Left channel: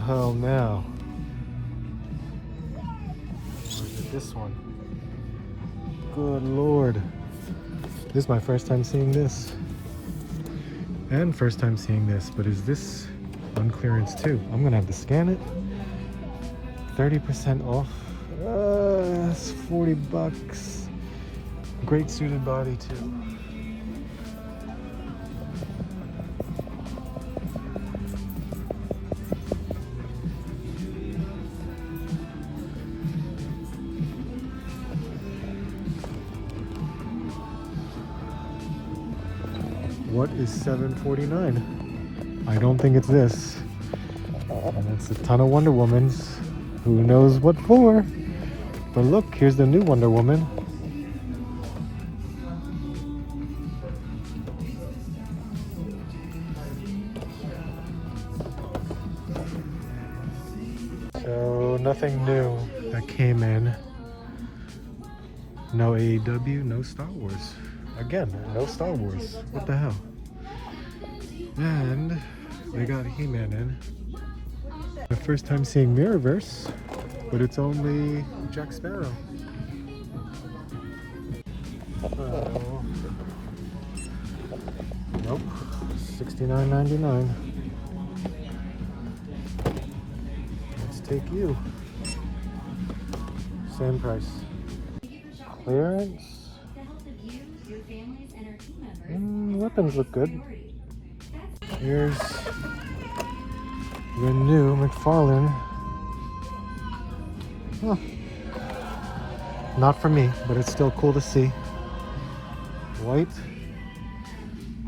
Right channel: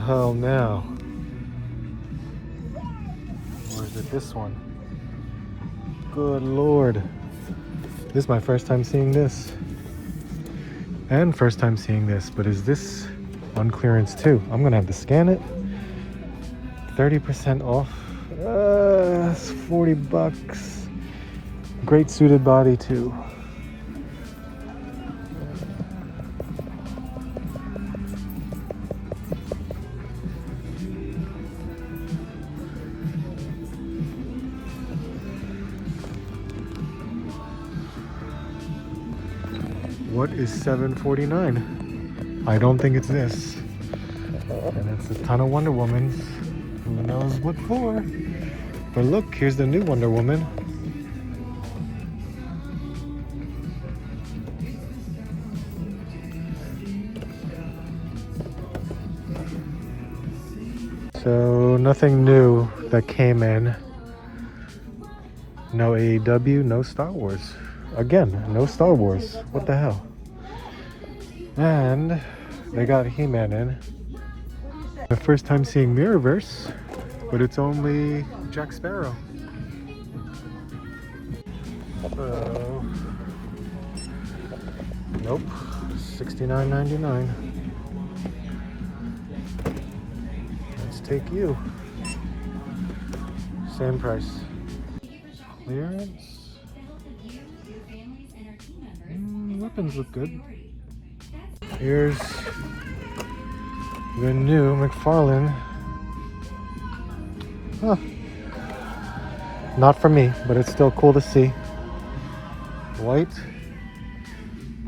hell now? Or is it this one? Good lord. This is my first time seeing this. And first time seeing this, but is this on clearance too? I'm gonna have to scan it. 30% off. That's 40 bucks. Great suited body too. What is $7.49? I don't think it's this. And it's a ton of Wonder Womans. Who knows what for? But look, here's the new Wonder Woman. So nothing new that came in. No AEW, no Star Wars. Again, no Star Wars. What the hell? And they got He-Man in. The first time seeing Mirrorverse, but it's only Jack Sparrow. So, nope, $69.99. Let's take you. Same price. Clearance. Weapons look good. Here's the new McFarlane. Huh. Not for me, but it's still cool to see. White.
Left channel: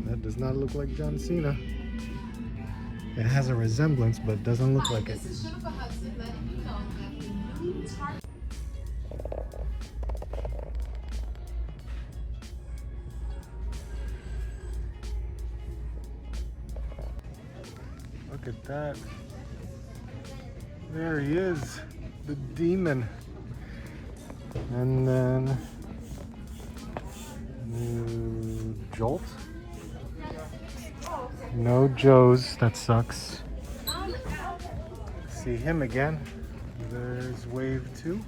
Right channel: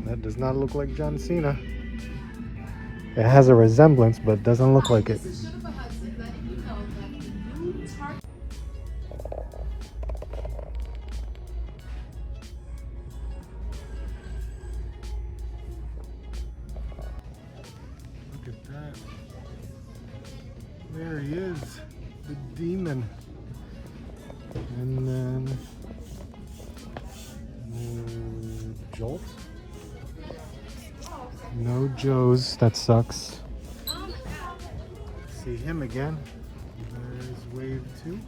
That does not look like John Cena. It has a resemblance, but doesn't look like it. Look at that. There he is, the demon. And then new Jolt. No Joes, that sucks. See him again. There's Wave 2.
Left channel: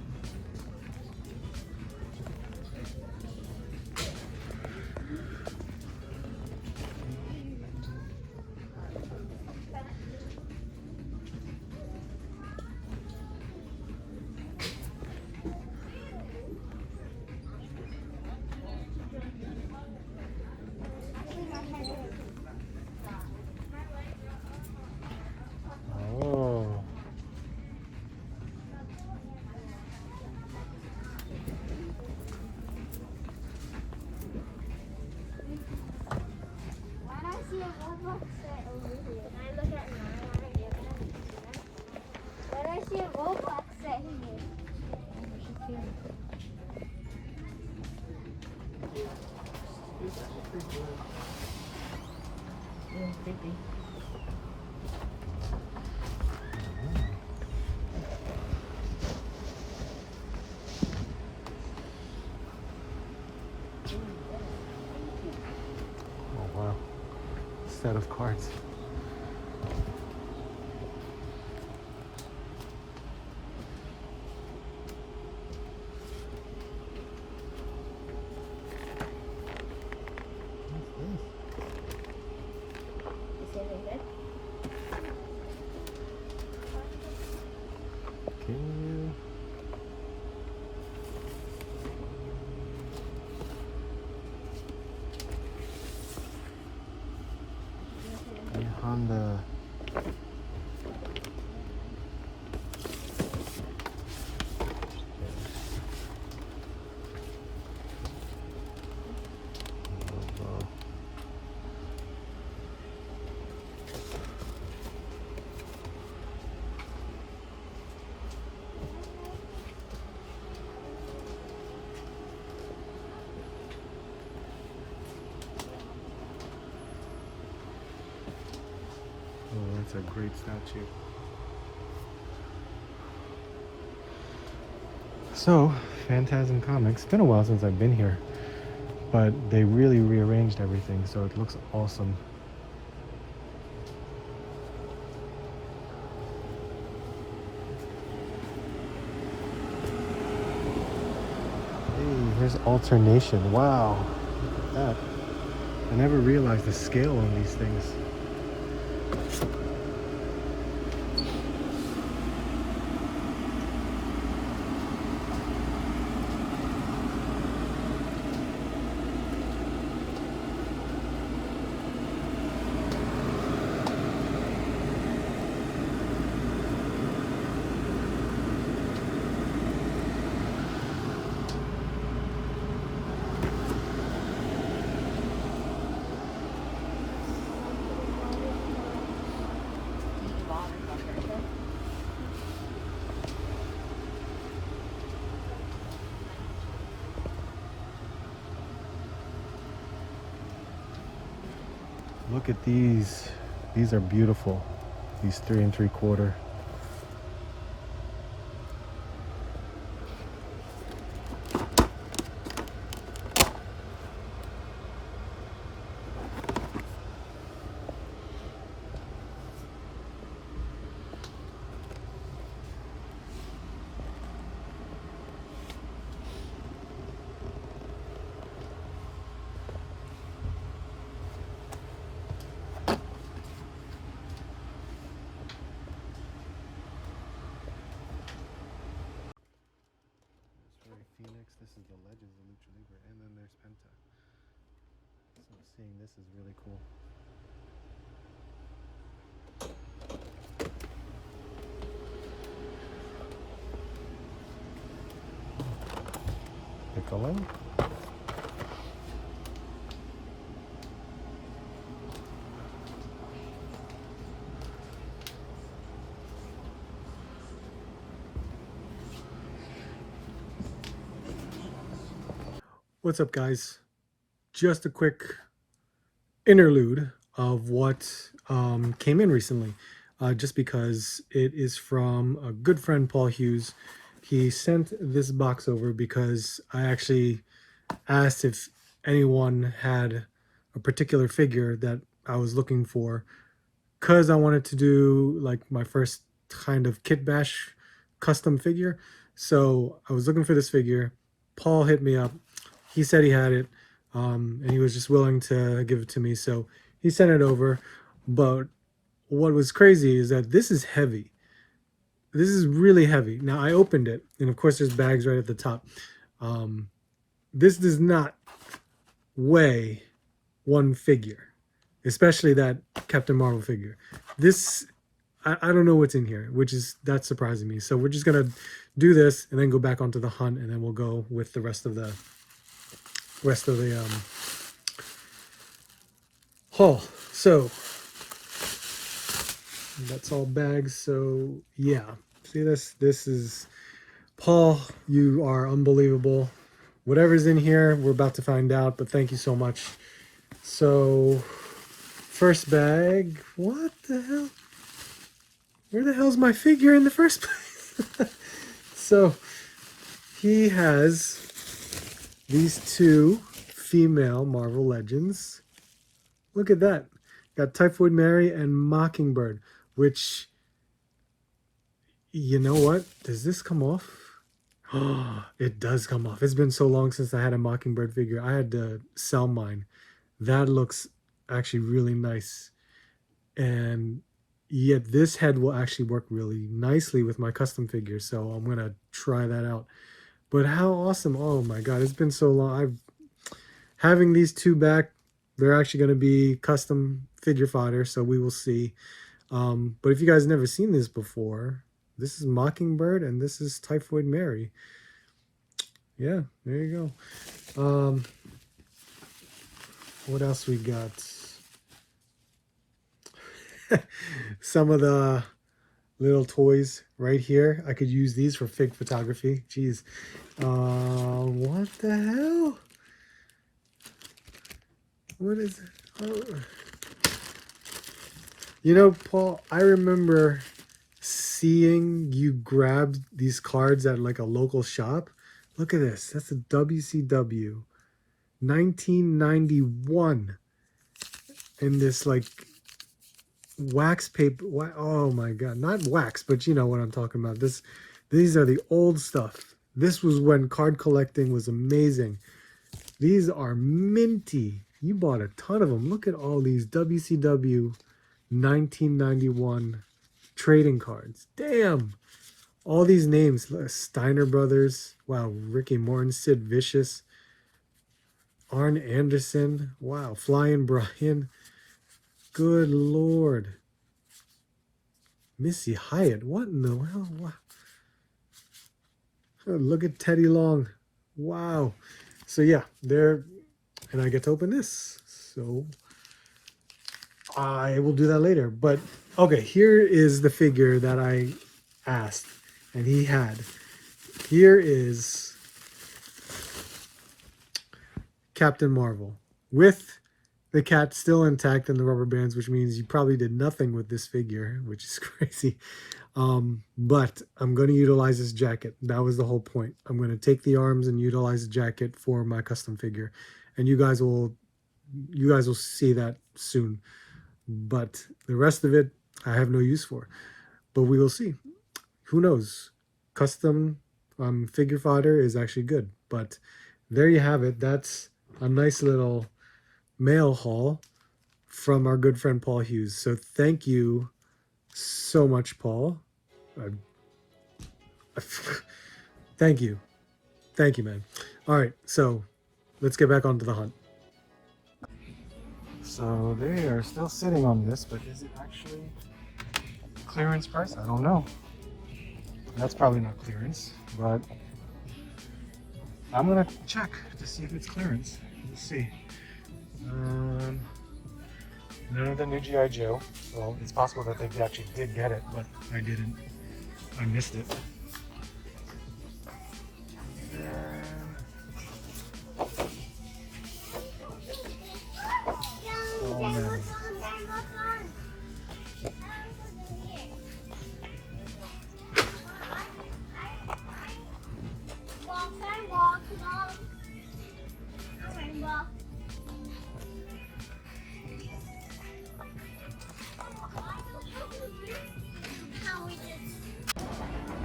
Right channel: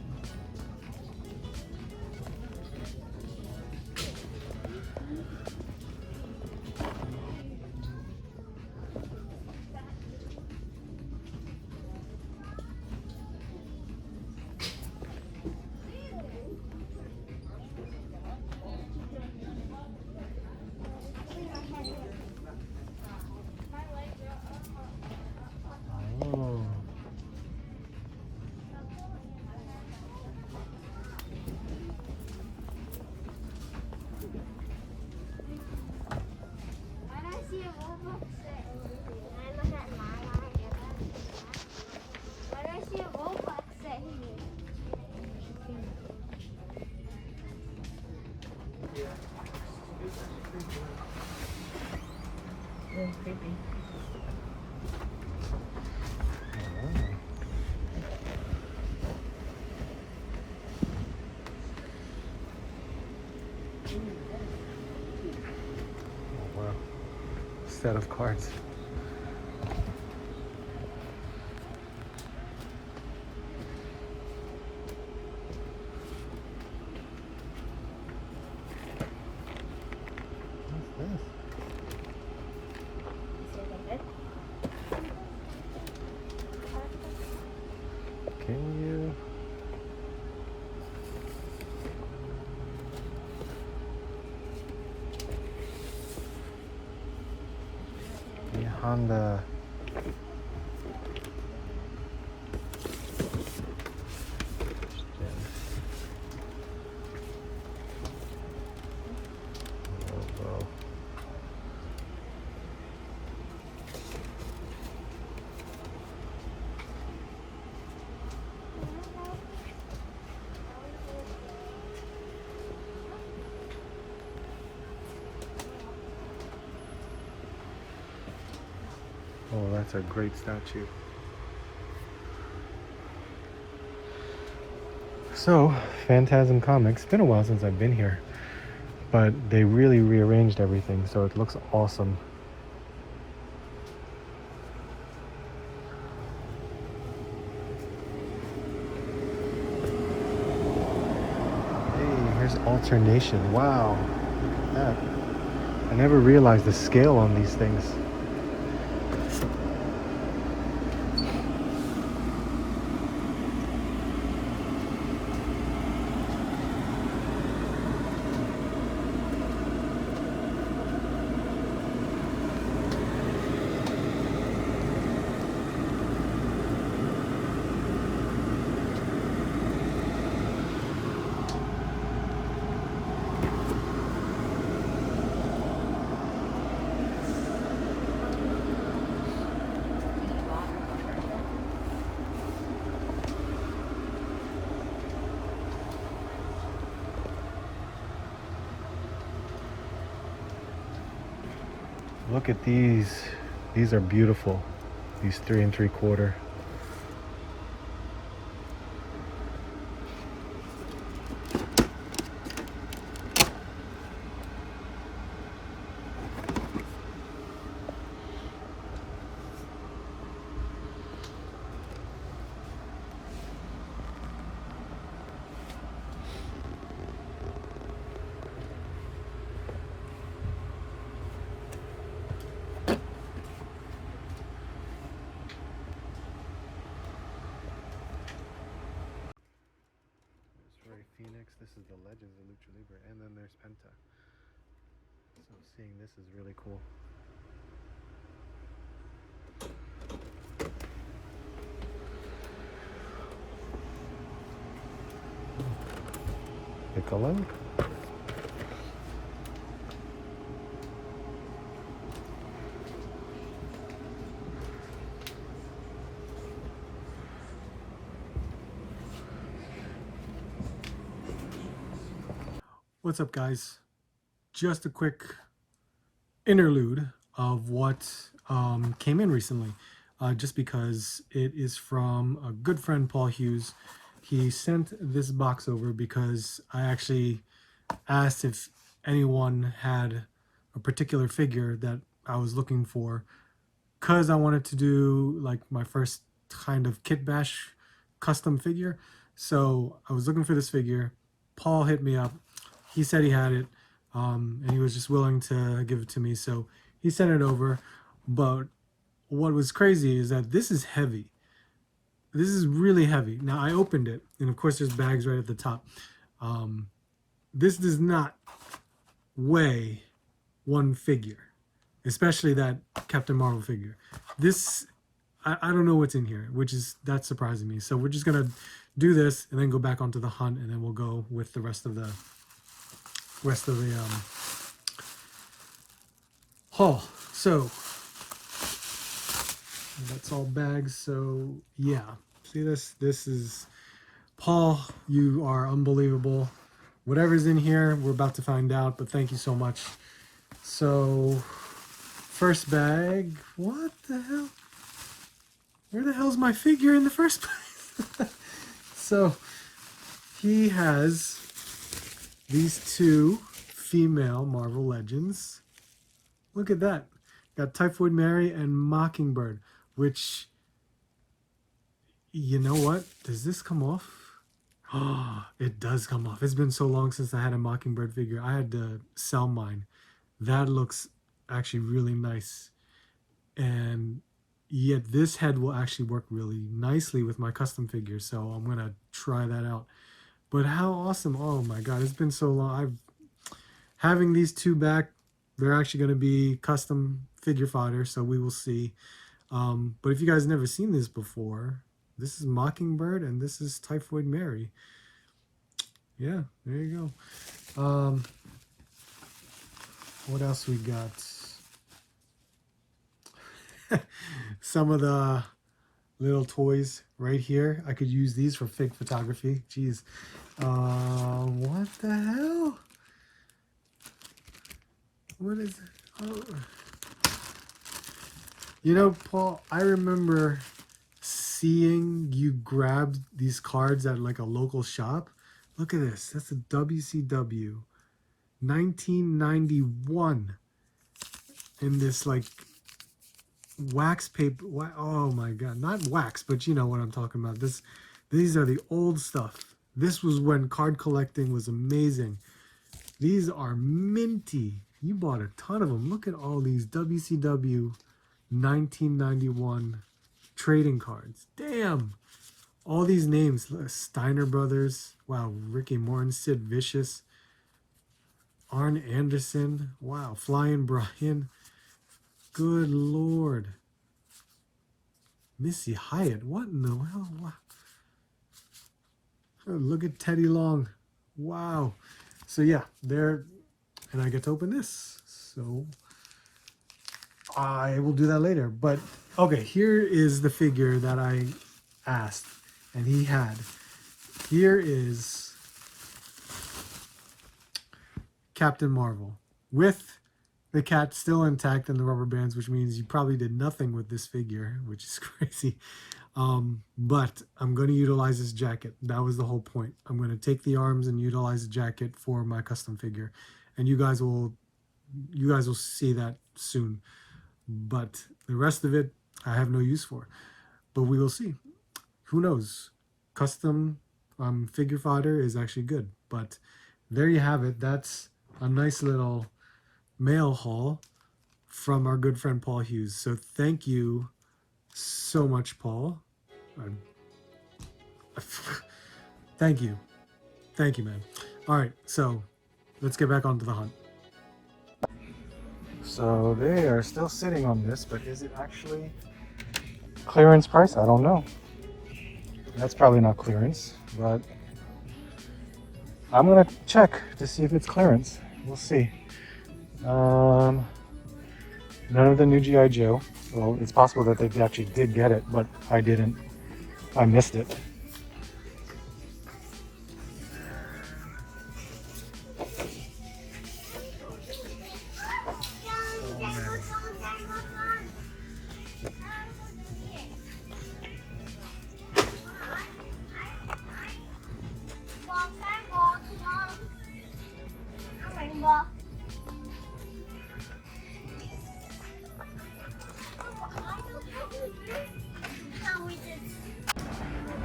Creepy. Oh wow. Set of cards. Can you? The Honda. Oh, that's a great statue. So, Phantasm Comics, it's been a while since I've been here, but they really rearranged everything, so it looks awesome. Alternation. Wow. Look at that. I never realized the scale on these things. Look at these. These are beautiful. These 3 3/4. Phoenix, this is the Legends of Lucha Libre, and then there's Penta. So seeing this is really cool. Piccolo. What's up, guys? Just a quick interlude of what came in recently, just because it is from a good friend, Paul Hughes. He sent this box over because I actually asked if anyone had a particular figure that I was looking for, because I wanted to do like my first kind of kit bash custom figure. So I was looking for this figure. Paul hit me up. He said he had it, and he was just willing to give it to me. So he sent it over. But what was crazy is that this is heavy. This is really heavy. Now, I opened it, and of course there's bags right at the top. This does not weigh one figure, especially that Captain Marvel figure. This, I don't know what's in here, that's surprising me. So we're just going to do this and then go back onto the hunt, and then we'll go with the rest of the haul. So that's all bags. So yeah, see this is Paul, you are unbelievable. Whatever's in here, we're about to find out, but thank you so much. So first bag, what the hell? Where the hell's my figure in the first place? So he has these two female Marvel Legends. Look at that. Got Typhoid Mary and Mockingbird, which, you know what? Does this come off? Oh, it does come off. It's been so long since I had a Mockingbird figure. I had to sell mine. That looks actually really nice. And yet this head will actually work really nicely with my custom figure. So I'm going to try that out. But how awesome. Oh my God, it's been so long. Having these two back, they're actually going to be custom figure fodder, so we will see. But if you guys never seen this before, this is Mockingbird and this is Typhoid Mary. Yeah, there you go. What else we got? Some of the little toys right here. I could use these for fig photography. Jeez. What the hell? What is it? Oh. You know, Paul, I remember seeing you grab these cards at like a local shop. Look at this. That's a WCW 1991. In this like wax paper. Oh my God. Not wax, but you know what I'm talking about. These are the old stuff. This was when card collecting was amazing. These are minty. You bought a ton of them. Look at all these WCW 1991 trading cards. Damn. All these names. Steiner Brothers. Wow. Ricky Morton. Sid Vicious. Arn Anderson. Wow. Flying Brian. Good Lord. Missy Hyatt. What in the hell? Wow. Oh, look at Teddy Long. Wow. So yeah, there. And I get to open this. So I will do that later. But okay, here is the figure that I asked and he had. Here is Captain Marvel with the cat still intact and the rubber bands, which means you probably did nothing with this figure, which is crazy. But I'm going to utilize this jacket. That was the whole point. I'm going to take the arms and utilize the jacket for my custom figure. And you guys will see that soon. But the rest of it, I have no use for. But we will see. Who knows? Custom figure fodder is actually good. But there you have it. That's a nice little mail haul from our good friend Paul Hughes. So thank you so much, Paul. Thank you, man. All right, so let's get back onto the hunt. So they are still sitting on this, but is it actually clearance price? I don't know. That's probably not clearance, but I'm gonna check to see if it's clearance. We'll see. None of the new G.I. Joe. Well, it's possible that they actually did get it, but I didn't. I missed it. Oh man.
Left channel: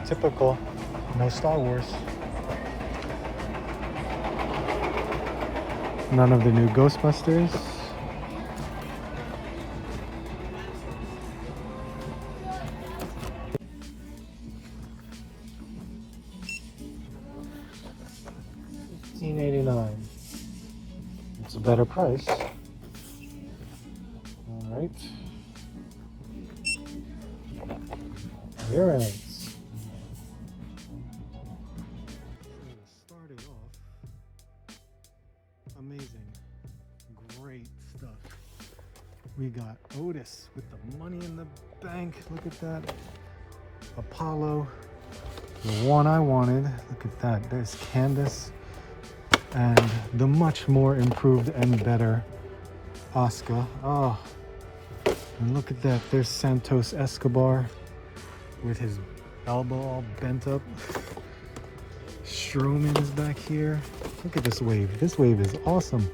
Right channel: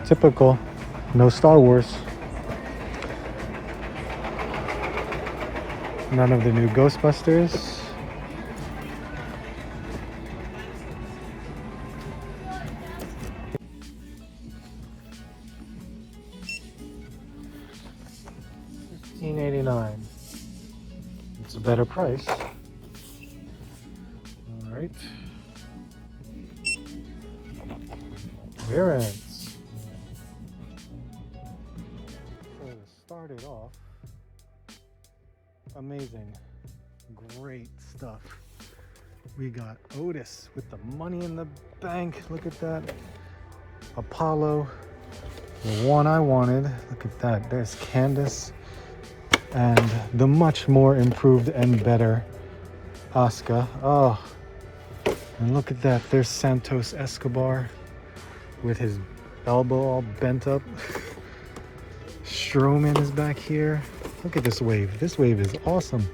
Typical. No Star Wars. None of the new Ghostbusters. $15.89. It's a better price. All right. Whereas started off amazing, great stuff. We got Otis with the money in the bank. Look at that. Apollo, the one I wanted. Look at that. There's Candace and the much more improved and better Asuka. Oh, and look at that. There's Santos Escobar with his elbow all bent up. Strowman is back here. Look at this wave. This wave is awesome.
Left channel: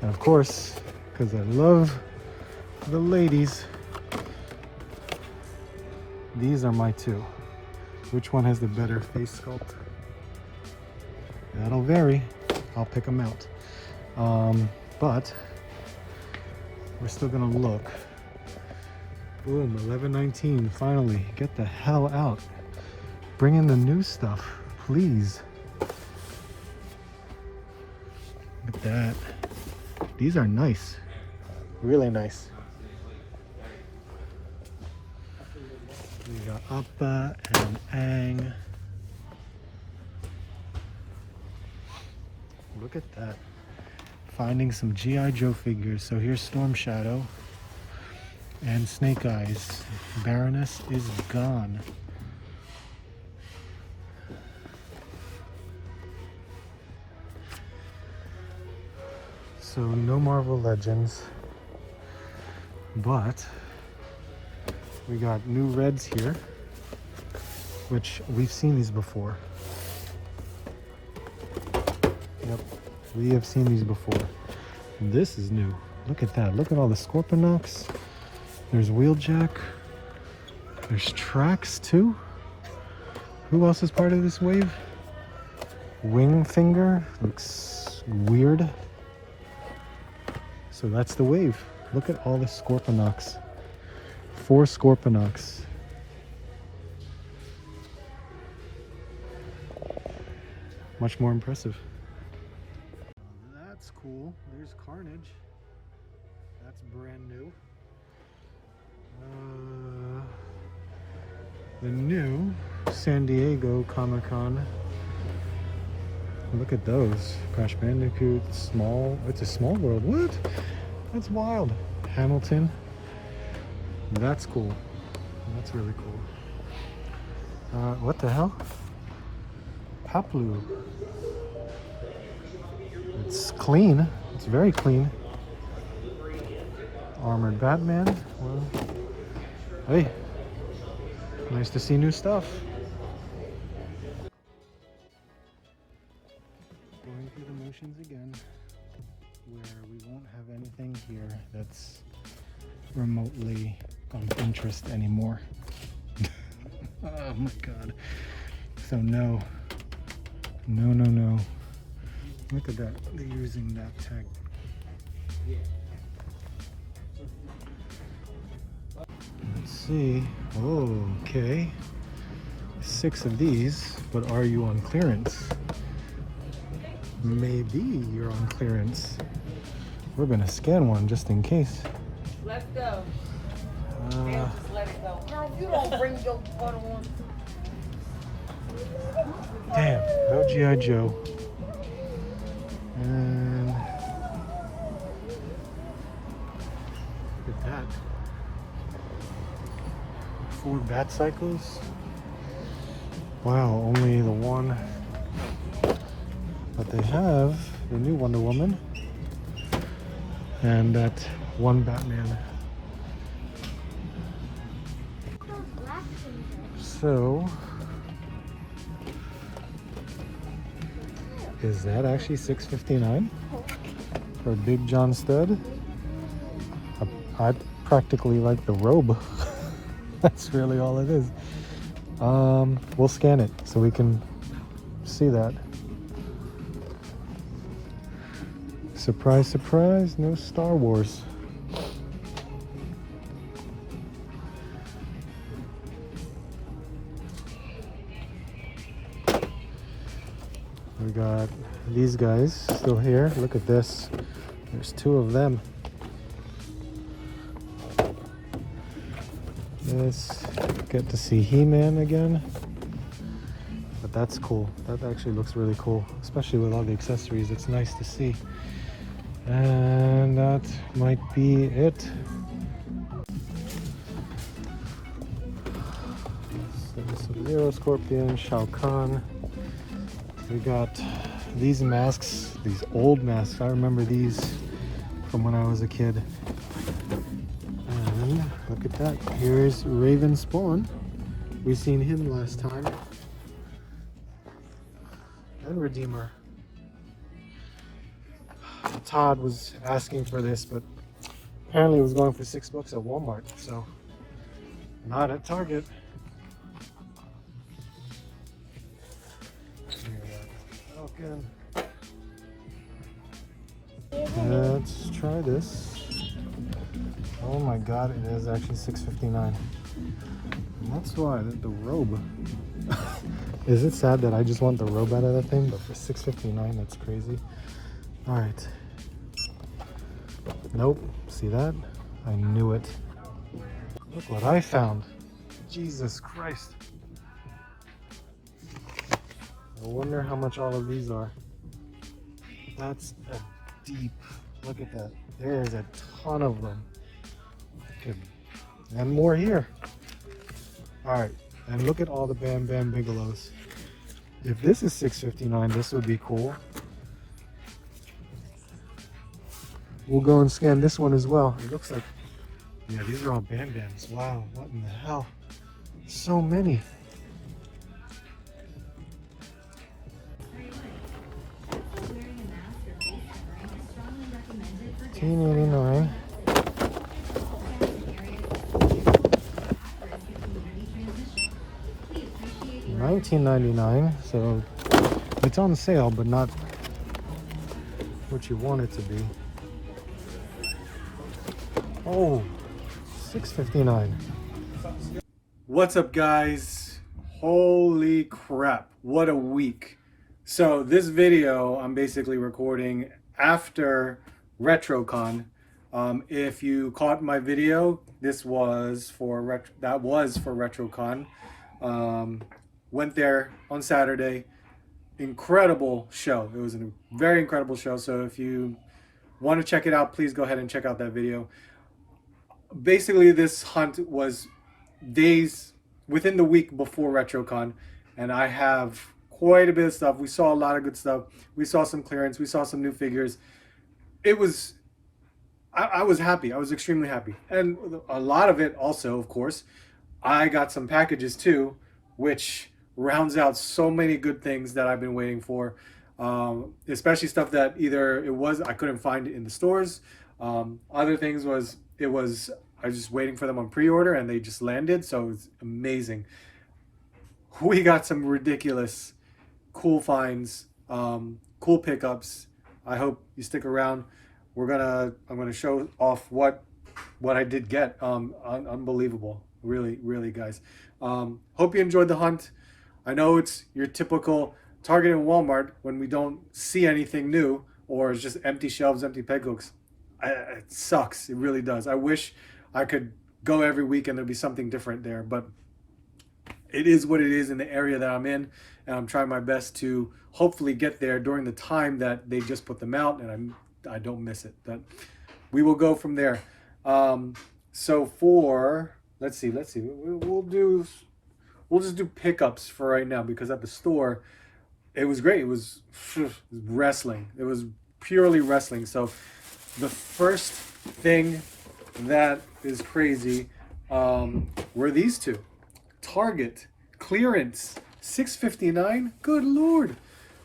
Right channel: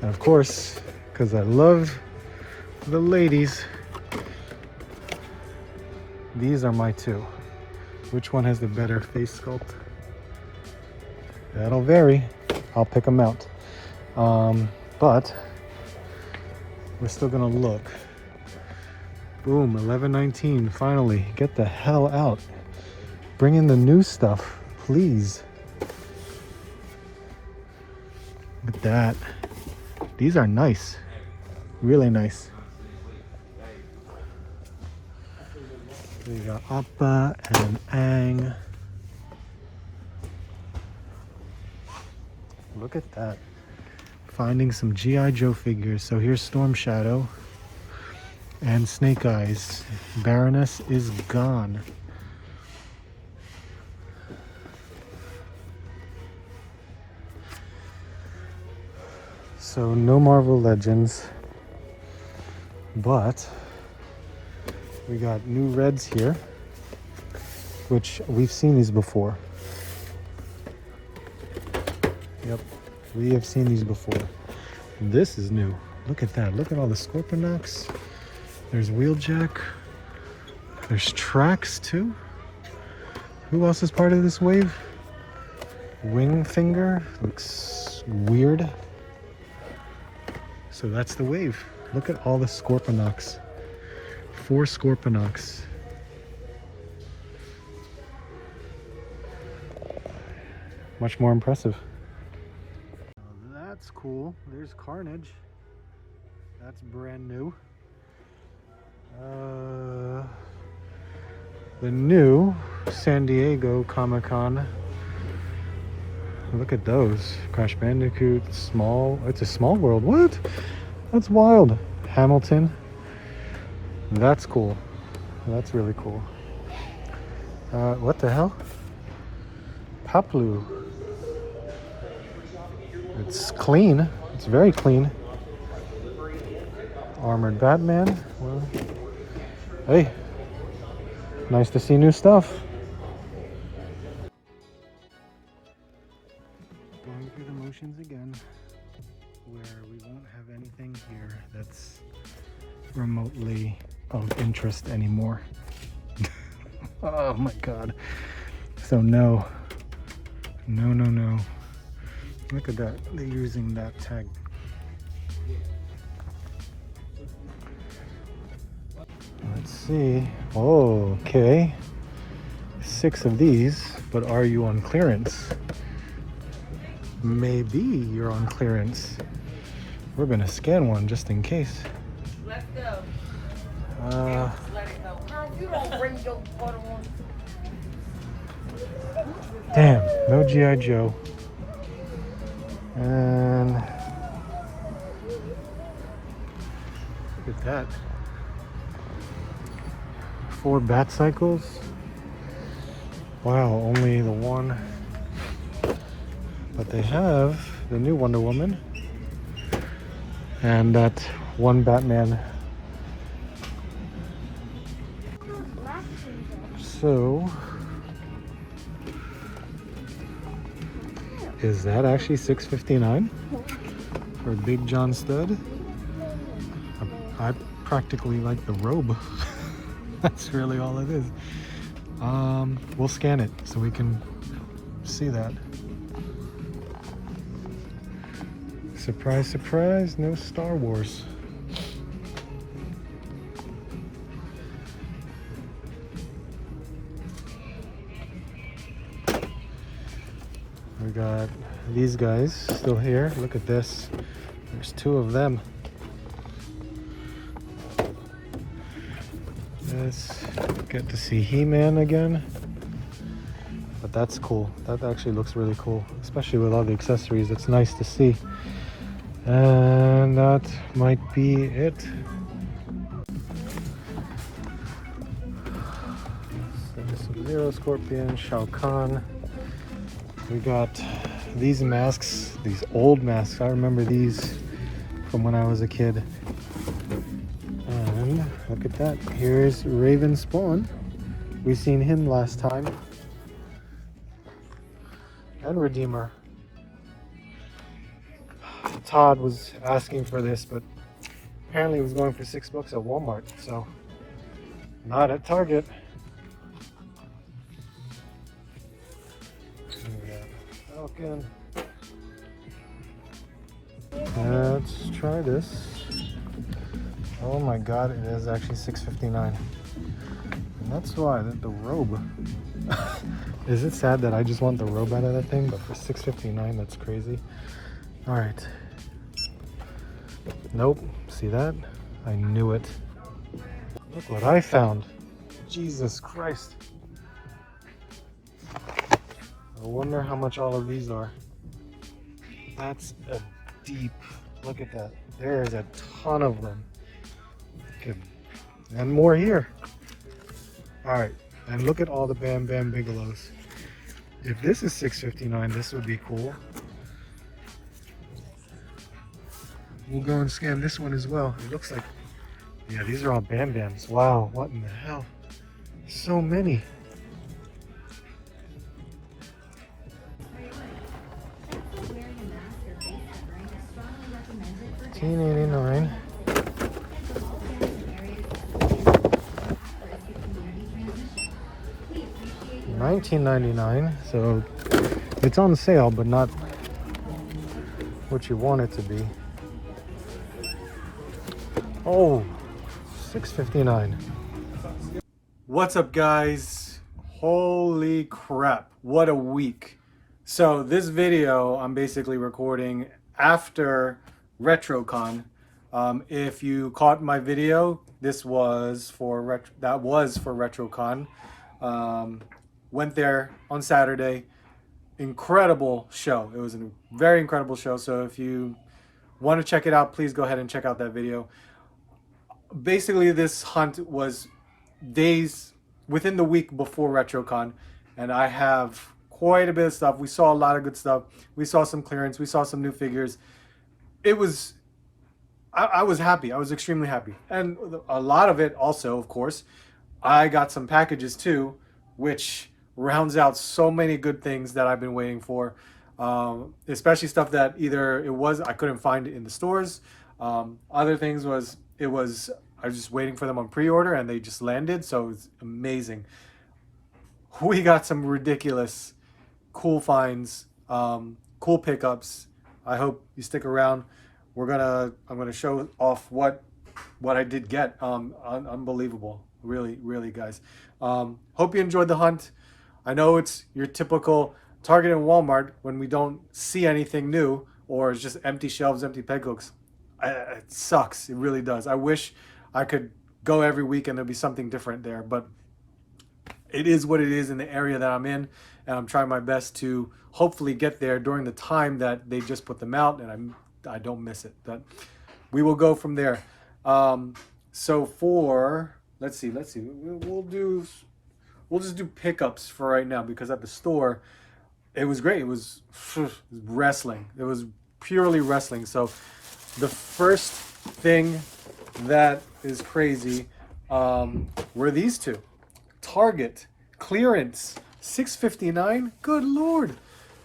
And of course, because I love the ladies, these are my two. Which one has the better face sculpt? That'll vary. I'll pick them out. But we're still gonna look. Boom, 11.19. Finally, get the hell out. Bring in the new stuff, please. Look at that. These are nice. Really nice. We got Appa and Aang. Look at that. Finding some G.I. Joe figures. So here's Storm Shadow and Snake Eyes. Baroness is gone. So no Marvel Legends, but we got new Reds here, which we've seen these before. Yep, we have seen these before. This is new. Look at that. Look at all the Scorponok's. There's Wheeljack. There's Trax too. Who else is part of this wave? wing finger. Looks weird. So that's the wave. Look at all the Scorponok's. 4 Scorponok's. Much more impressive. That's cool. There's Carnage. That's brand new. The new San Diego Comic-Con. Look at those. Crash Bandicoot, small. It's a small world. What? That's wild. Hamilton. That's cool. That's really cool. What the hell? Paplu. It's clean. It's very clean. Armored Batman. Well, hey, nice to see new stuff. Going through the motions again, where we won't have anything here that's remotely of interest anymore. Oh my god. So no. No. Look at that. They're using that tag. Let's see. Oh, okay. 6 of these, but are you on clearance? Maybe you're on clearance. We're gonna scan one just in case. Let's go. Let it go. Girl, you don't bring your photo on. Damn, no G.I. Joe. And look at that. 4 bat cycles. Wow, only the one. But they have the new Wonder Woman and that one Batman. So, is that actually $6.59 for Big John Stud? I practically like the robe. That's really all it is. We'll scan it so we can see that. Surprise, surprise, no Star Wars. We got these guys still here. Look at this. There's 2 of them. This, get to see He-Man again. But that's cool. That actually looks really cool, especially with all the accessories. It's nice to see. And that might be it. Sub-Zero, Scorpion, Shao Kahn. We got these masks, these old masks. I remember these from when I was a kid. And look at that. Here's Raven Spawn. We've seen him last time. And Redeemer. Todd was asking for this, but apparently it was going for $6 at Walmart, so not at Target. Falcon. Let's try this. Oh my god, it is actually $6.59. And that's why the robe. Is it sad that I just want the robe out of that thing? But for $6.59, that's crazy. Alright. Nope. See that? I knew it. Look what I found. Jesus Christ. I wonder how much all of these are. That's a deep. Look at that. There is a ton of them. Okay. And more here. Alright. And look at all the Bam Bam Bigelows. If this is $6.59, this would be cool. We'll go and scan this one as well. It looks like, yeah, these are all Bam Bams. Wow, what in the hell? So many. $18.89. $19.99. So It's on sale, but not what you want it to be. Oh, $6.59. What's up, guys? Holy crap, what a week. So this video I'm basically recording after RetroCon. If you caught my video, this was for RetroCon. Went there on Saturday. Incredible show. It was a very incredible show. So if you want to check it out, please go ahead and check out that video. Basically, this hunt was days within the week before RetroCon, and I have quite a bit of stuff. We saw a lot of good stuff. We saw some clearance. We saw some new figures. It was, I was happy. I was extremely happy. And a lot of it also, of course, I got some packages too, which rounds out so many good things that I've been waiting for. Especially stuff that either I couldn't find in the stores. Other things I was just waiting for them on pre-order and they just landed, so it's amazing. We got some ridiculous cool finds, cool pickups. I hope you stick around. I'm gonna show off what I did get. Unbelievable, really, guys. Hope you enjoyed the hunt. I know it's your typical Target and Walmart when we don't see anything new or it's just empty shelves, empty peg hooks. It sucks. It really does. I wish I could go every week and there'd be something different there, but it is what it is in the area that I'm in, and I'm trying my best to hopefully get there during the time that they just put them out, and I don't miss it. But we will go from there. So for let's see, we'll just do pickups for right now, because at the store it was great. It was wrestling. It was purely wrestling. So the first thing that is crazy were these two. Target clearance, $6.59. Good Lord.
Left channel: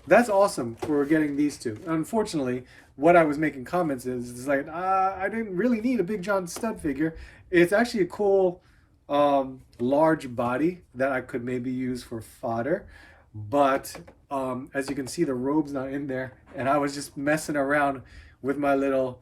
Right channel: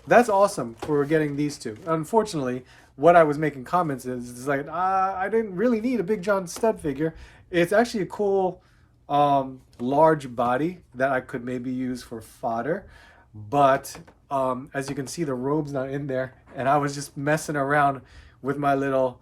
That's awesome for getting these two. Unfortunately, what I was making comments is like, I didn't really need a Big John stud figure. It's actually a cool large body that I could maybe use for fodder. But as you can see, the robe's not in there. And I was just messing around with my little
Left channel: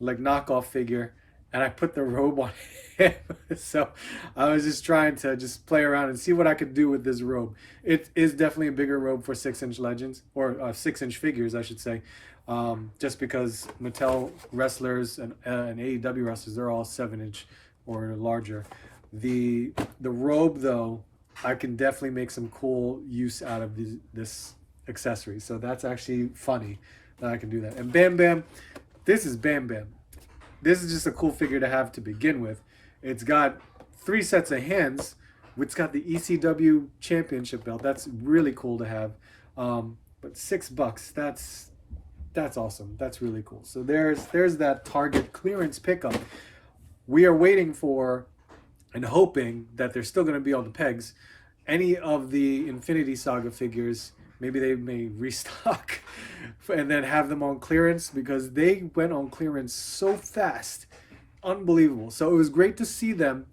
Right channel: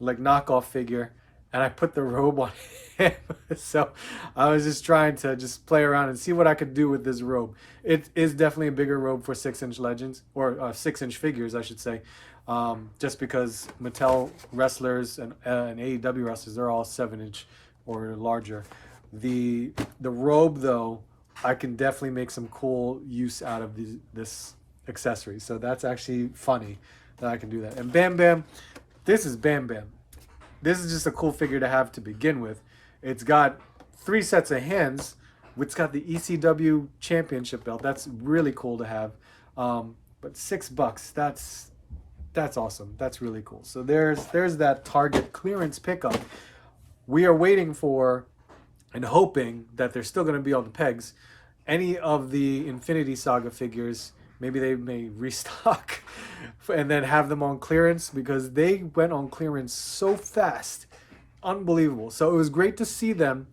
like knockoff figure, and I put the robe on him. So I was just trying to just play around and see what I could do with this robe. It is definitely a bigger robe for 6-inch legends, or 6-inch figures, I should say. Just because Mattel wrestlers and AEW wrestlers, they're all 7-inch or larger. The robe, though, I can definitely make some cool use out of this accessory. So that's actually funny that I can do that. And Bam Bam, this is Bam Bam. This is just a cool figure to have to begin with. It's got 3 sets of hands. It's got the ECW championship belt. That's really cool to have. But $6, that's awesome. That's really cool. So there's that Target clearance pickup. We are waiting for and hoping that they're still going to be on the pegs. Any of the Infinity Saga figures, maybe they may restock and then have them on clearance, because they went on clearance so fast. Unbelievable. So it was great to see them.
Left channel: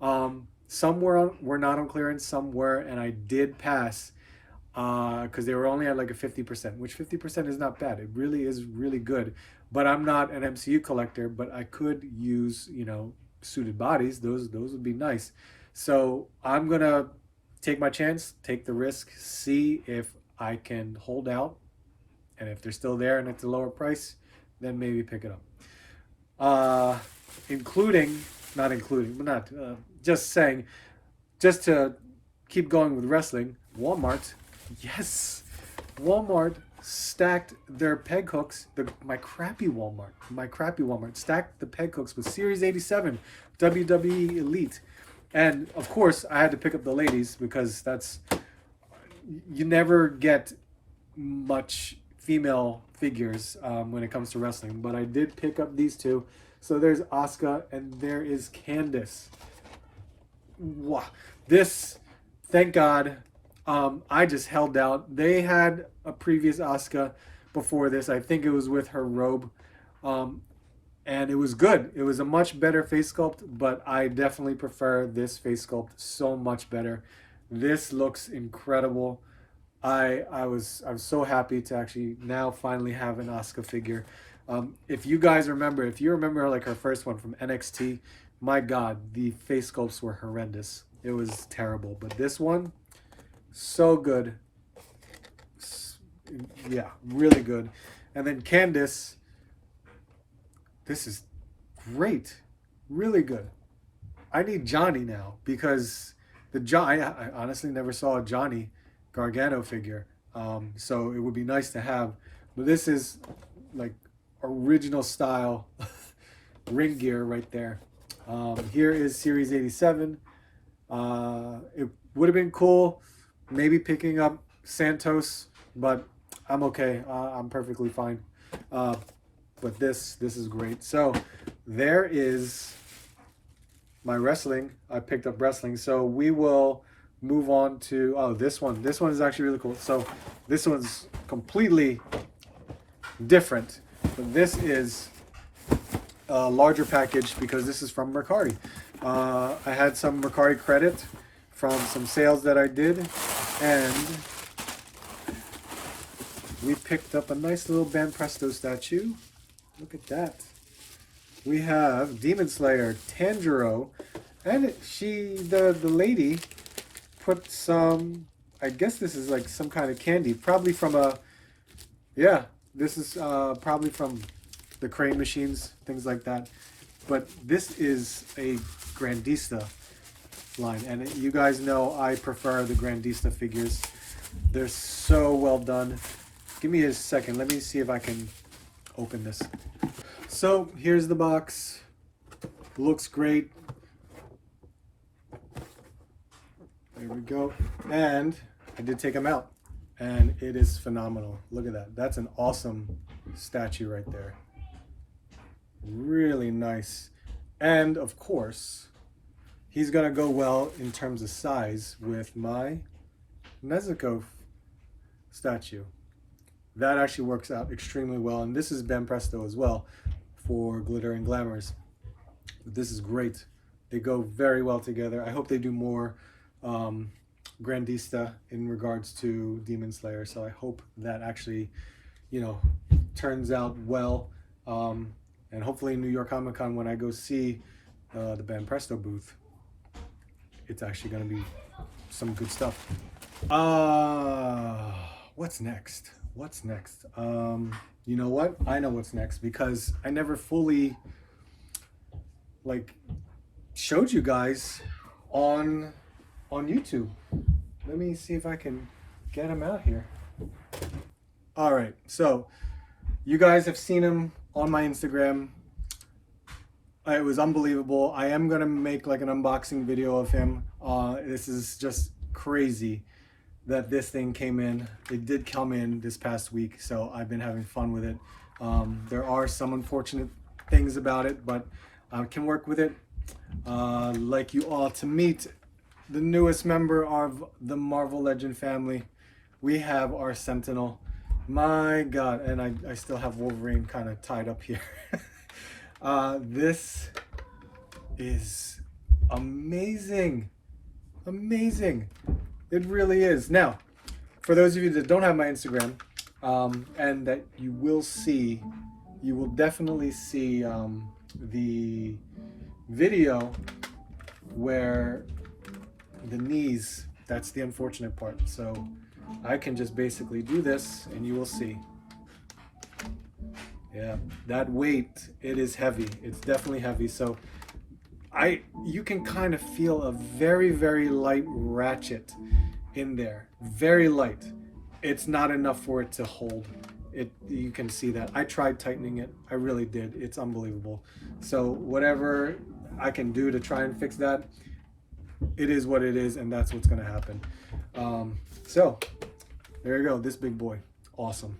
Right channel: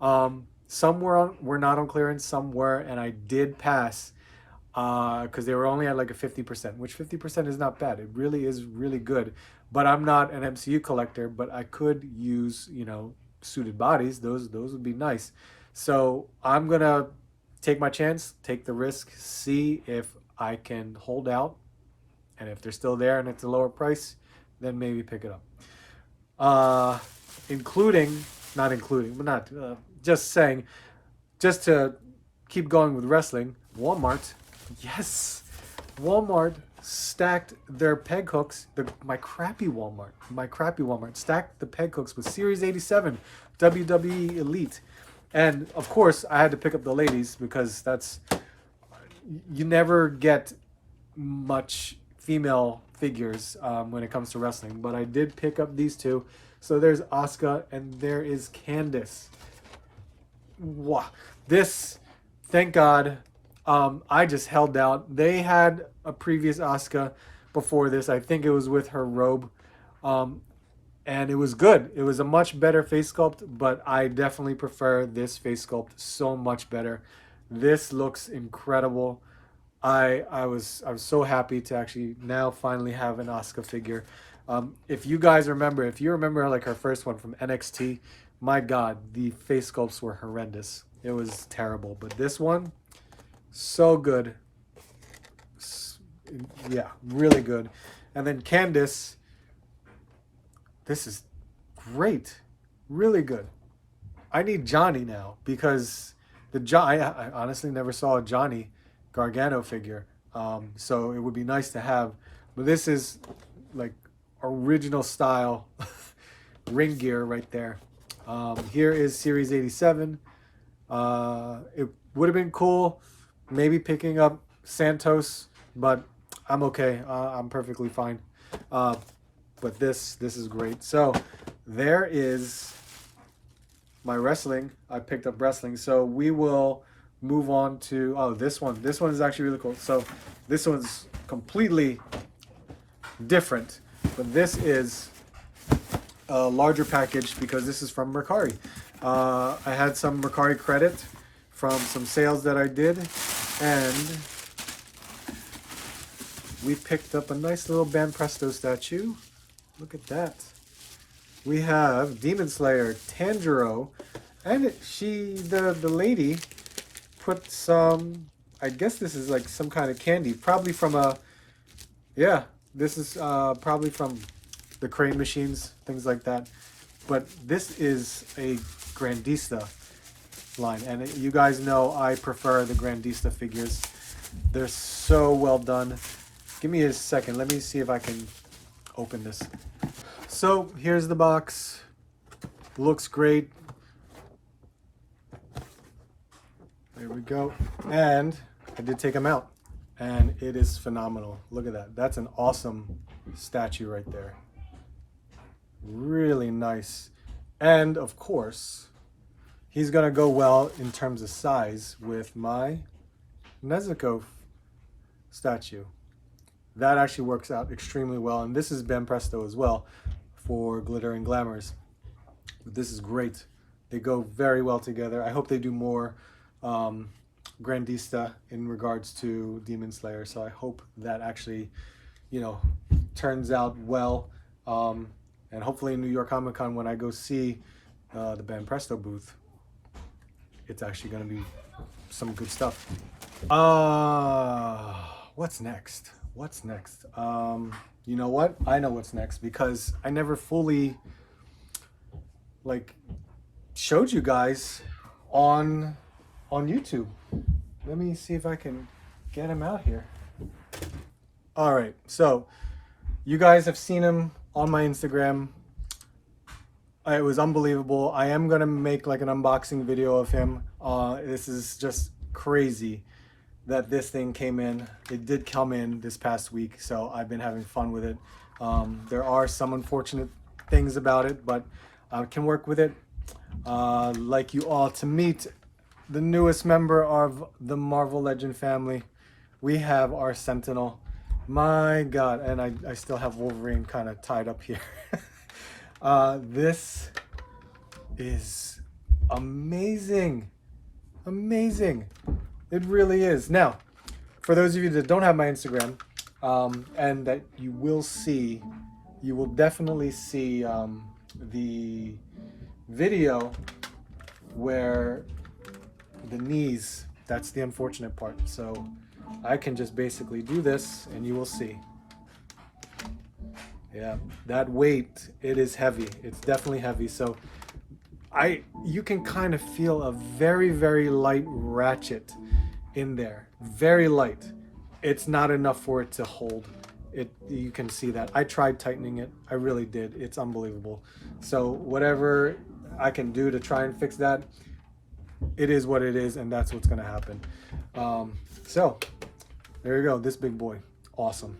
Some were not on clearance, some were, and I did pass because they were only at like a 50%, which 50% is not bad. It really is really good. But I'm not an MCU collector, but I could use, suited bodies. Those would be nice. So I'm gonna take my chance, take the risk, see if I can hold out, and if they're still there and it's a lower price, then maybe pick it up. Just saying, just to keep going with wrestling, Walmart, yes, Walmart stacked their peg hooks. My crappy Walmart stacked the peg hooks with Series 87 WWE Elite. And of course, I had to pick up the ladies, because you never get much female figures when it comes to wrestling. But I did pick up these two. So there's Asuka and there is Candice. Wow. This, thank God, I just held out. They had a previous Asuka before this. I think it was with her robe. And it was good. It was a much better face sculpt, but I definitely prefer this face sculpt so much better. This looks incredible. I was so happy to actually now finally have an Asuka figure. If you guys remember, if you remember like her first one from NXT, my God, the face sculpts were horrendous. It was terrible. But this one, so good. Yeah, really good. And then Candice, this is great. Really good. I need Johnny now because I honestly never saw a Johnny Gargano figure. So it would be nice to have. But this is like original style ring gear right there. Here is Series 87. It would have been cool maybe picking up Santos, but I'm okay. I'm perfectly fine. But this is great. So there is my wrestling. I picked up wrestling. So we will move on to this one. This one is actually really cool. So this one's completely different, but this is a larger package because this is from Mercari. I had some Mercari credit from some sales that I did, and we picked up a nice little Banpresto statue. Look at that. We have Demon Slayer, Tanjiro, and the lady put some, I guess this is like some kind of candy, probably from this is probably from the crane machines, things like that. But this is a Grandista line, and you guys know I prefer the Grandista figures. They're so well done. Give me a second. Let me see if I can open this. So here's the box. Looks great. There we go. And I did take them out, and it is phenomenal. Look at that. That's an awesome statue right there. Really nice. And of course, he's gonna go well in terms of size with my Nezuko statue. That actually works out extremely well. And this is Banpresto as well for Glitter and Glamours. But this is great. They go very well together. I hope they do more Grandista in regards to Demon Slayer. So I hope that actually, turns out well. And hopefully in New York Comic Con, when I go see the Banpresto booth, it's actually going to be some good stuff. What's next? What's next? You know what? I know what's next because I never fully showed you guys on YouTube. Let me see if I can get him out here. All right, so you guys have seen him on my Instagram. It was unbelievable. I am gonna make like an unboxing video of him. This is just crazy that this thing came in. It did come in this past week, so I've been having fun with it. There are some unfortunate things about it, but I can work with it. Like you all to meet the newest member of the Marvel Legend family. We have our Sentinel. My God, and I still have Wolverine kind of tied up here. This is amazing. Amazing. It really is. Now, for those of you that don't have my Instagram, and that you will definitely see the video where the knees, that's the unfortunate part. So I can just basically do this and you will see. Yeah, that weight, it is heavy. It's definitely heavy. So you can kind of feel a very, very light ratchet in there. Very light. It's not enough for it to hold. You can see that. I tried tightening it. I really did. It's unbelievable. So whatever I can do to try and fix that, it is what it is, and that's what's going to happen. So there you go. This big boy. Awesome.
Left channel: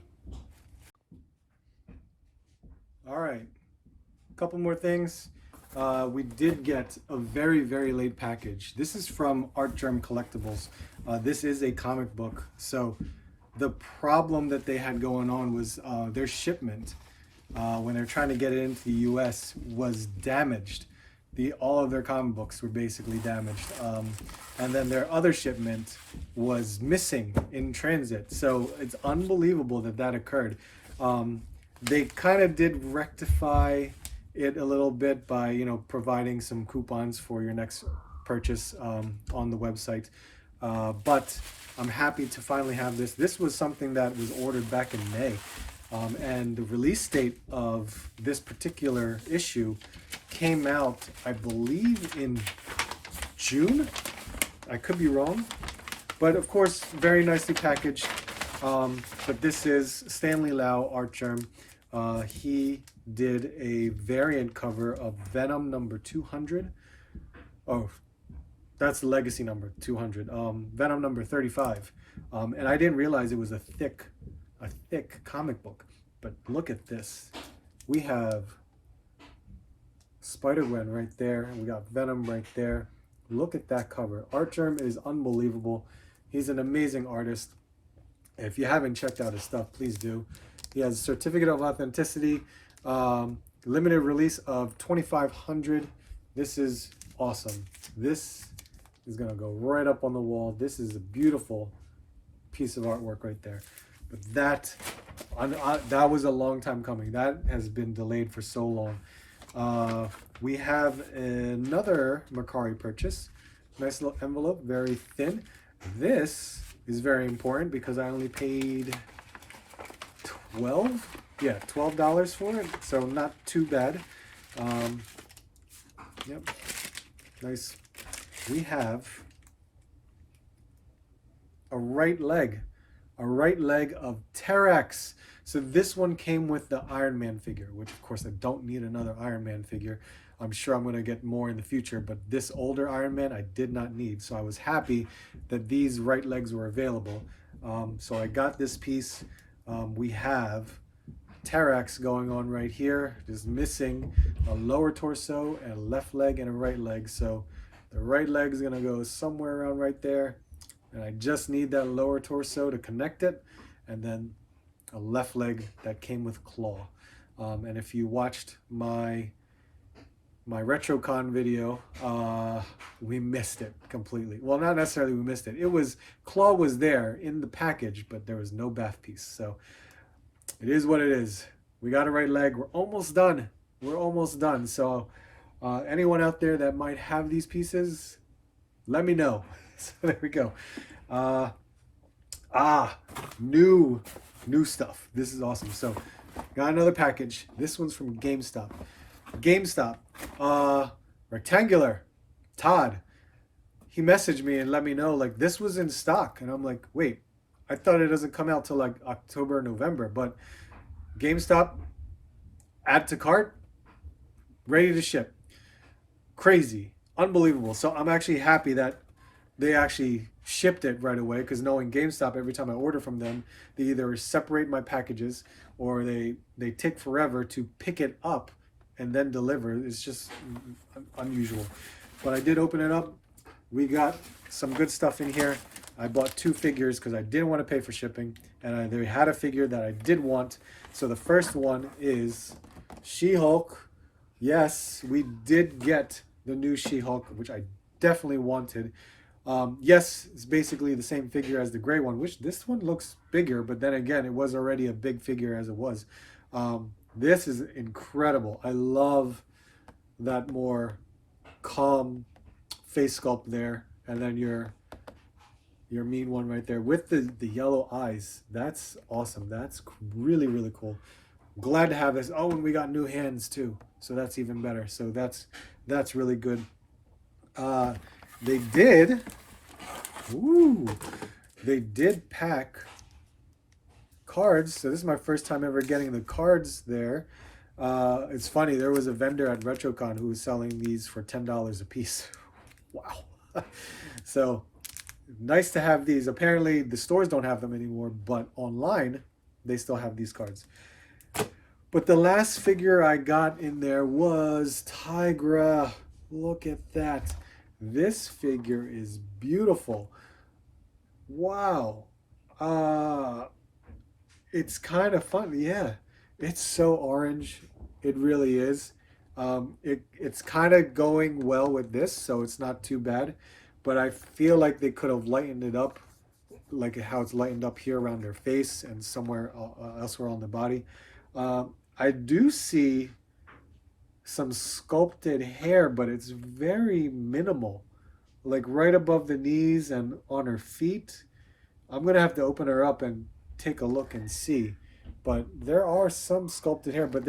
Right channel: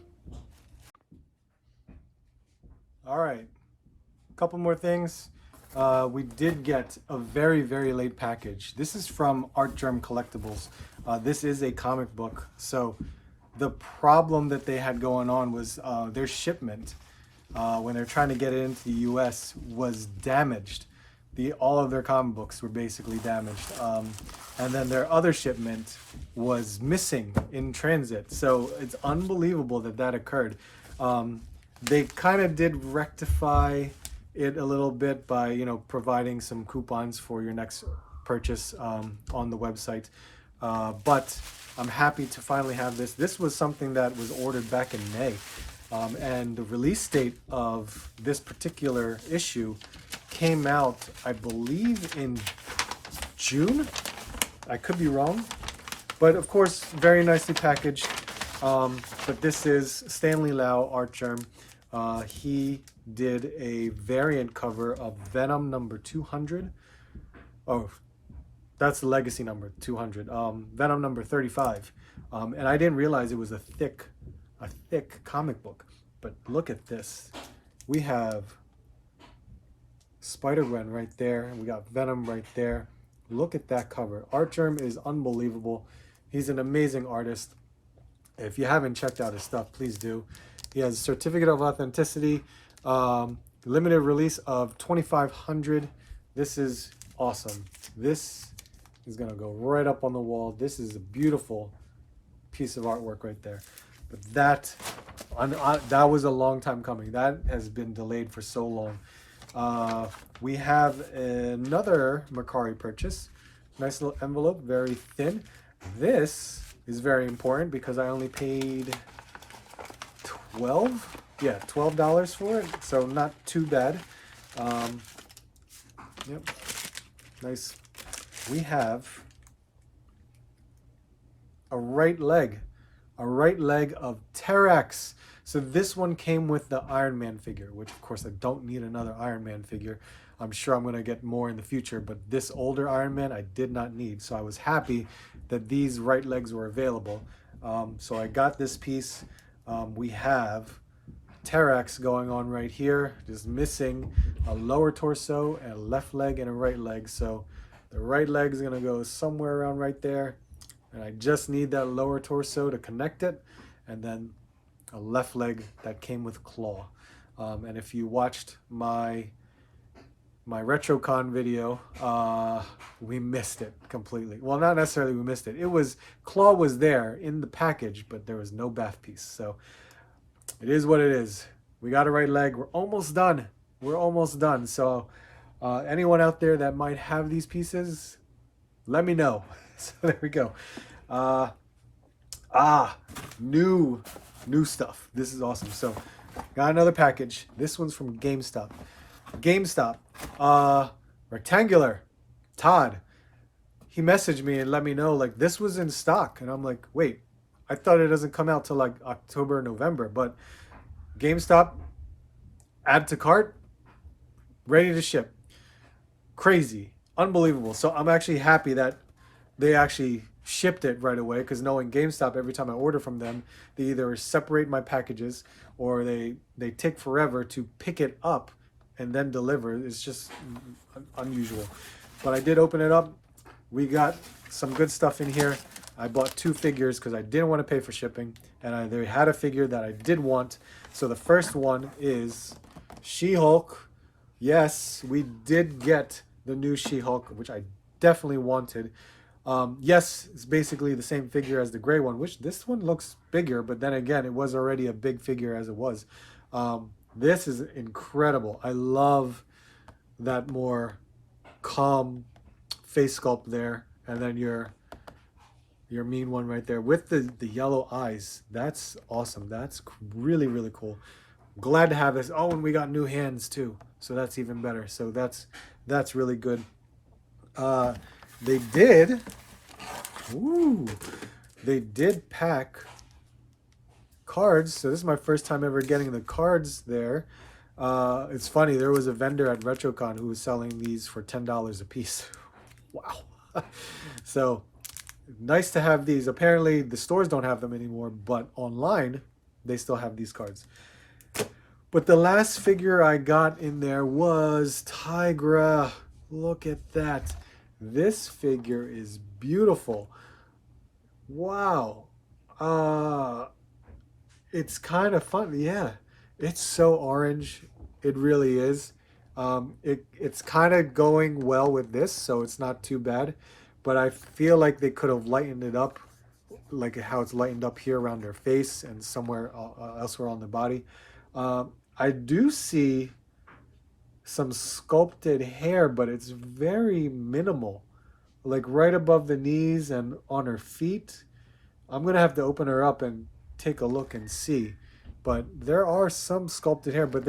All right. A couple more things. We did get a very, very late package. This is from Art Germ Collectibles. This is a comic book. So the problem that they had going on was their shipment, when they're trying to get it into the US, was damaged. all of their comic books were basically damaged. And then their other shipment was missing in transit. So it's unbelievable that that occurred. They kind of did rectify it a little bit by, you know, providing some coupons for your next purchase on the website. But I'm happy to finally have this. This was something that was ordered back in May. And the release date of this particular issue came out, I believe, in June. I could be wrong. But of course, very nicely packaged. But this is Stanley Lau art germ. He did a variant cover of Venom number 200. Oh, that's the legacy number 200. Venom number 35. And I didn't realize it was a thick comic book. But look at this. We have Spider-Gwen right there. We got Venom right there. Look at that cover. Art germ is unbelievable. He's an amazing artist. If you haven't checked out his stuff, please do. He has certificate of authenticity, limited release of 2,500. This is awesome. This is gonna go right up on the wall. This is a beautiful piece of artwork right there. But that was a long time coming. That has been delayed for so long. We have another Mercari purchase. Nice little envelope, very thin. This is very important because I only paid $12 for it, so not too bad. Yep, nice. We have a right leg of T-Rex. So this one came with the Iron Man figure, which of course I don't need another Iron Man figure. I'm sure I'm going to get more in the future, but this older Iron Man I did not need. So I was happy that these right legs were available. So I got this piece. We have T-Rex going on right here, just missing a lower torso and a left leg and a right leg. So the right leg is going to go somewhere around right there. And I just need that lower torso to connect it. And then a left leg that came with claw. And if you watched my RetroCon video, we missed it completely. Well, not necessarily we missed it. It was, claw was there in the package, but there was no bath piece. So it is what it is. We got a right leg. We're almost done. We're almost done. So anyone out there that might have these pieces, let me know. So there we go. New stuff. This is awesome. So got another package. This one's from GameStop. Rectangular. Todd. He messaged me and let me know like this was in stock. And I'm like, wait, I thought it doesn't come out till like October, November. But GameStop, add to cart, ready to ship. Crazy. Unbelievable. So I'm actually happy that they actually shipped it right away, because knowing GameStop, every time I order from them, they either separate my packages or they take forever to pick it up and then deliver. It's just unusual. But I did open it up. We got some good stuff in here. I bought 2 figures because I didn't want to pay for shipping, and they had a figure that I did want. So the first one is She-Hulk. Yes, we did get the new She-Hulk, which I definitely wanted. Yes, it's basically the same figure as the gray one, which this one looks bigger, but then again, it was already a big figure as it was. This is incredible. I love that more calm face sculpt there, and then your mean one right there with the yellow eyes. That's awesome. That's really, really cool. Glad to have this. Oh, and we got new hands too, so that's even better. So that's really good. They did pack cards. So this is my first time ever getting the cards there. It's funny, there was a vendor at RetroCon who was selling these for $10 a piece. Wow. So nice to have these. Apparently the stores don't have them anymore, but online they still have these cards. But the last figure I got in there was Tigra. Look at that. This figure is beautiful. Wow. It's kind of fun. Yeah, it's so orange. It really is. It's kind of going well with this, so it's not too bad. But I feel like they could have lightened it up, like how it's lightened up here around their face and somewhere elsewhere on the body. I do see some sculpted hair, but it's very minimal, like right above the knees and on her feet. I'm gonna have to open her up and take a look and see. But there are some sculpted hair, but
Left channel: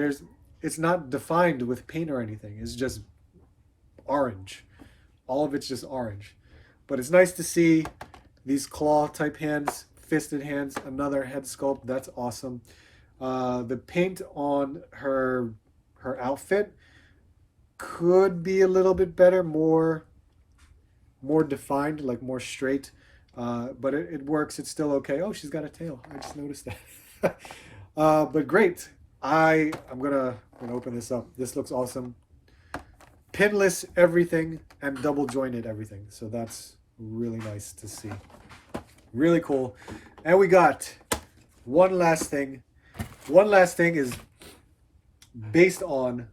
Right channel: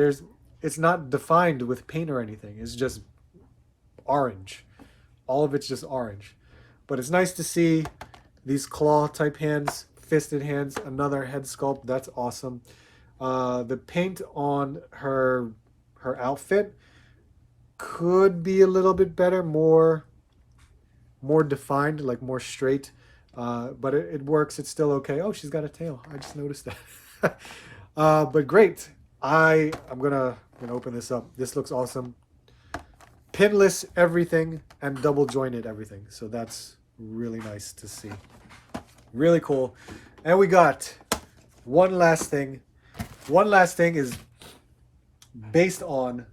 it's not defined with paint or anything. It's just orange. All of it's just orange. But it's nice to see these claw type hands, fisted hands, another head sculpt. That's awesome. The paint on her outfit could be a little bit better, more defined, like more straight. But it works. It's still okay. Oh, she's got a tail. I just noticed that. But great. I'm gonna open this up. This looks awesome. Pinless everything and double jointed everything. So that's really nice to see. Really cool. And we got one last thing. One last thing is based on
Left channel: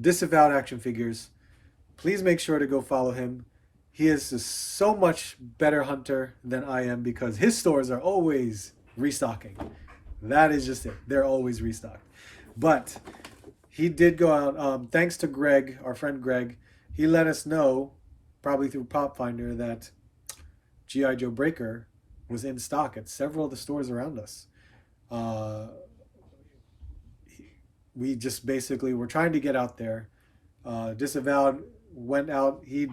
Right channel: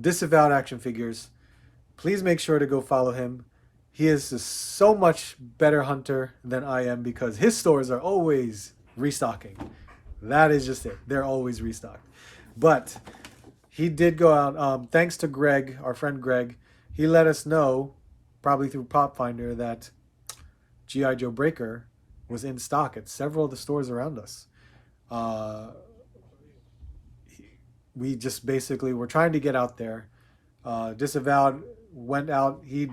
Disavowed Action Figures. Please make sure to go follow him. He is a so much better hunter than I am because his stores are always restocking. That is just it. They're always restocked. But he did go out, thanks to Greg, our friend Greg, he let us know, probably through Pop Finder, that G.I. Joe Breaker was in stock at several of the stores around us. We just basically were trying to get out there. Disavowed went out. He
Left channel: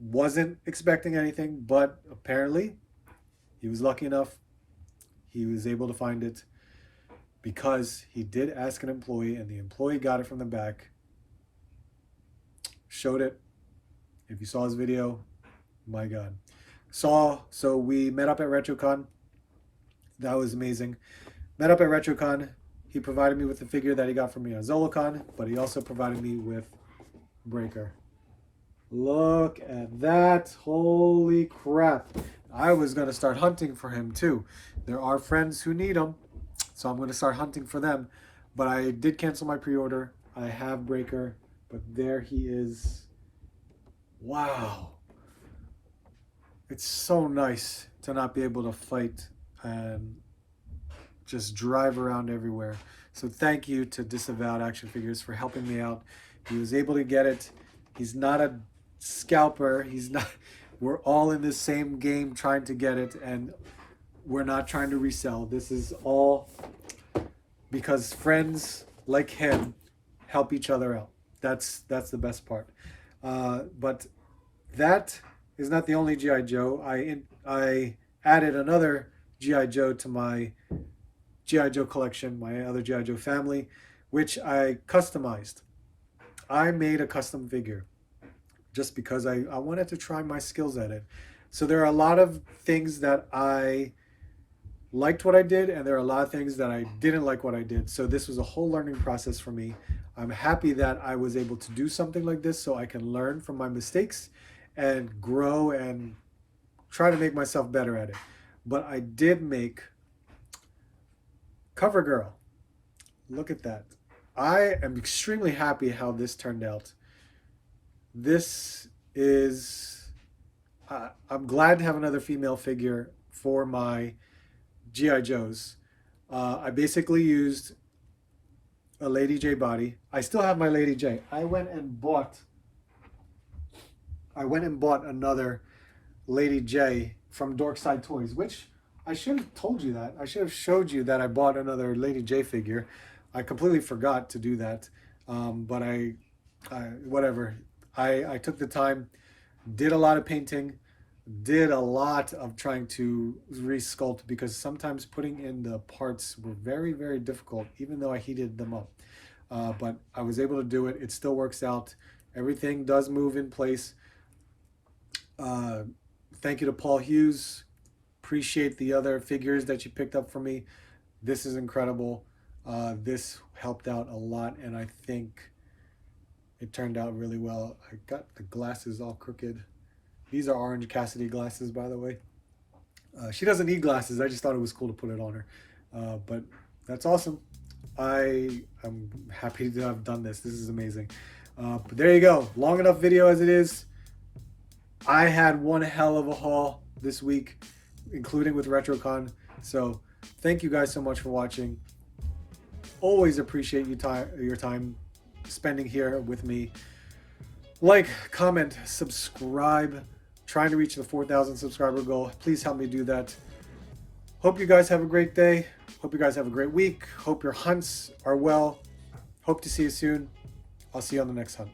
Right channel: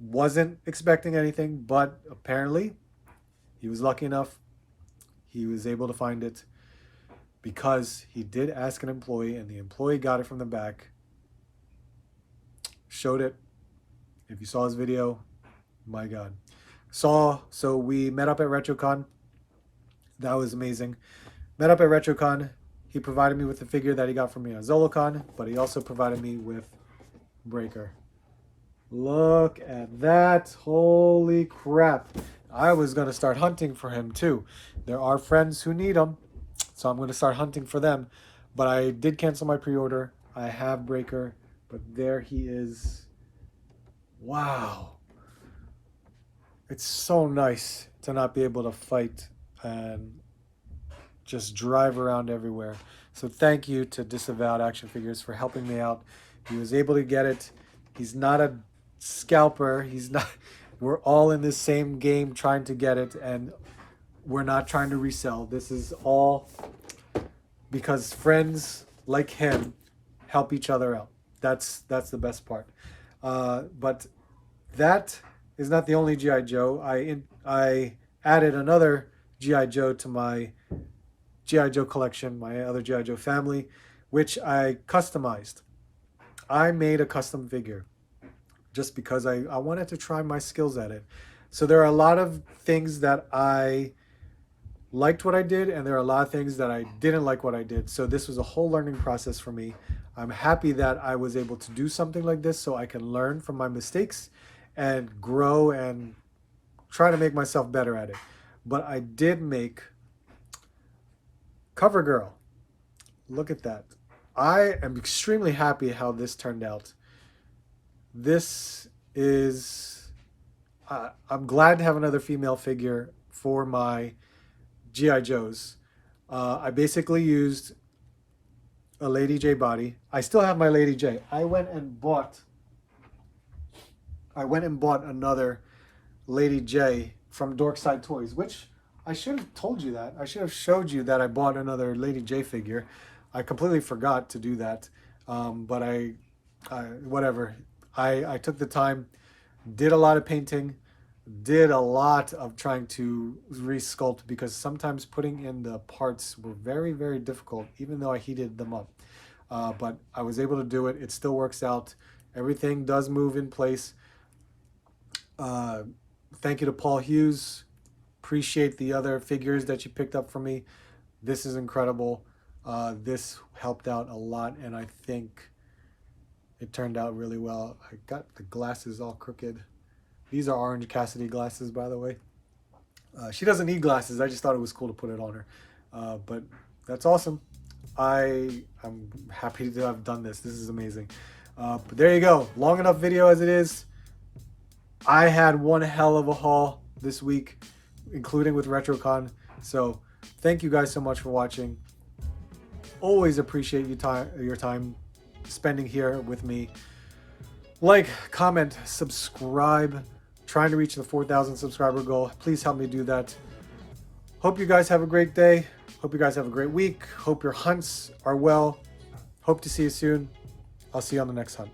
wasn't expecting anything, but apparently he was lucky enough. He was able to find it because he did ask an employee, and the employee got it from the back, showed it. If you saw his video, my God. So we met up at RetroCon. That was amazing. Met up at RetroCon. He provided me with the figure that he got from me at ZoloCon, but he also provided me with Breaker. Look at that. Holy crap. I was going to start hunting for him too. There are friends who need him, so I'm going to start hunting for them. But I did cancel my pre-order. I have Breaker, but there he is. Wow. It's so nice to not be able to fight and just drive around everywhere. So thank you to Disavowed Action Figures for helping me out. He was able to get it. He's not a scalper. He's not. We're all in the same game trying to get it, and we're not trying to resell. This is all because friends like him help each other out. That's the best part. But that is not the only G.I. Joe. I added another G.I. Joe to my G.I. Joe collection, my other G.I. Joe family, which I customized. I made a custom figure just because I wanted to try my skills at it. So there are a lot of things that I liked what I did, and there are a lot of things that I didn't like what I did. So this was a whole learning process for me. I'm happy that I was able to do something like this so I can learn from my mistakes and grow and try to make myself better at it. But I did make Cover Girl. Look at that. I am extremely happy how this turned out. This is, I'm glad to have another female figure for my G.I. Joes. I basically used a Lady J body. I still have my Lady J. I went and bought another Lady J from Dorkside Toys, which I should have told you that. I should have showed you that I bought another Lady J figure. I completely forgot to do that. But whatever. I took the time, did a lot of painting, did a lot of trying to resculpt, because sometimes putting in the parts were very, very difficult, even though I heated them up. But I was able to do it. It still works out. Everything does move in place. Thank you to Paul Hughes. Appreciate the other figures that you picked up for me. This is incredible. This helped out a lot, and I think it turned out really well. I got the glasses all crooked. These are Orange Cassidy glasses, by the way. She doesn't need glasses. I just thought it was cool to put it on her. But that's awesome. I am happy to have done this. This is amazing. But there you go. Long enough video as it is. I had one hell of a haul this week, including with RetroCon. So thank you guys so much for watching. Always appreciate your time spending here with me. Like, comment, subscribe. Trying to reach the 4,000 subscriber goal. Please help me do that. Hope you guys have a great day. Hope you guys have a great week. Hope your hunts are well. Hope to see you soon. I'll see you on the next hunt.